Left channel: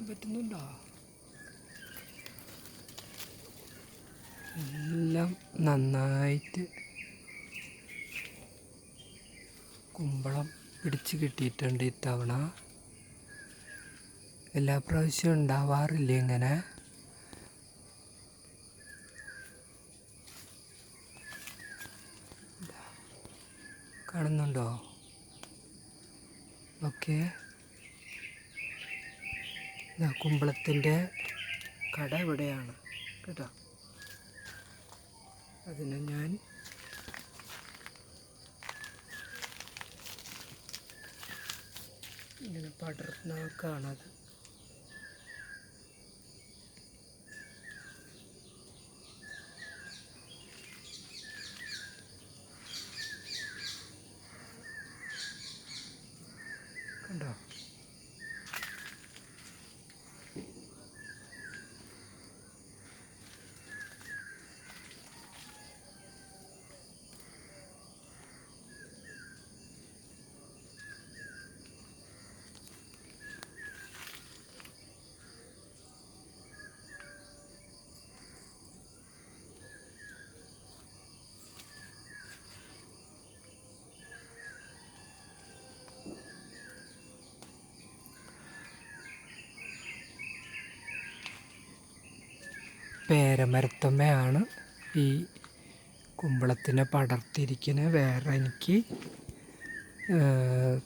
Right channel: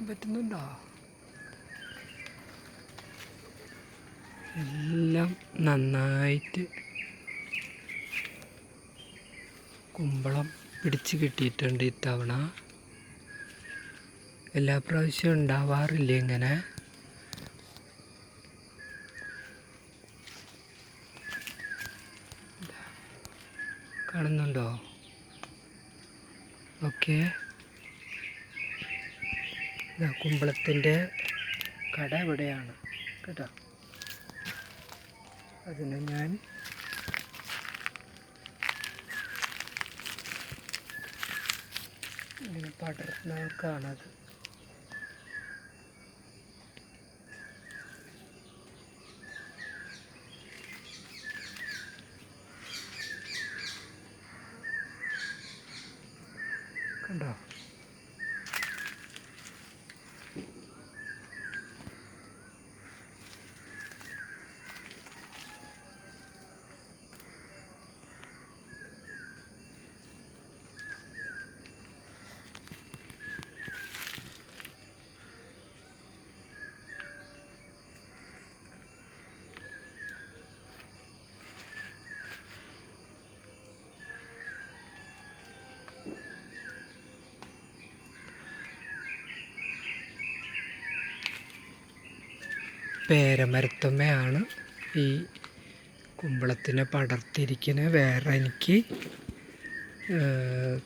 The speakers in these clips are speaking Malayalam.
കാണാൻ പറ്റുന്നുണ്ടോ? എല്ലാം നന്നായിട്ട് കുമ്പളം പിടിച്ച് കിട്ടിയിട്ടുണ്ട് ഇത്തവണ. എല്ലാ പ്രാവശ്യവും ഉണ്ടാവാറില്ല ഇങ്ങനെ. കാണുന്നുണ്ടോ? ഓക്കെ, കുമ്പളത്തിൻ്റെ കട ഇവിടെയാണ് കേട്ടോ. അതിനെ ഞാൻ ഇങ്ങനെ പടർന്നേക്കാണത്. കണ്ടോ? പേരമരത്തമ്മയാണ് ഈ കുമ്പളത്തിനെ പടർത്തിയിരിക്കുന്നത്. വേറെ എനിക്ക്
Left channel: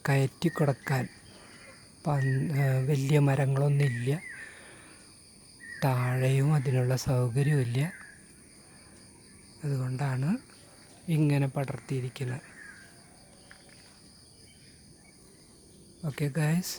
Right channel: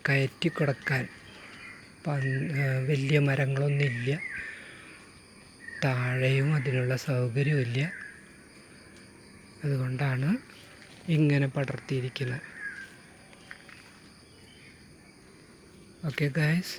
കയറ്റി കൊടുക്കാൻ വലിയ മരങ്ങളൊന്നുമില്ല, താഴെയും അതിനുള്ള സൗകര്യമില്ല. അതുകൊണ്ടാണ് ഇങ്ങനെ പടർത്തിയിരിക്കുന്നത്. Okay guys.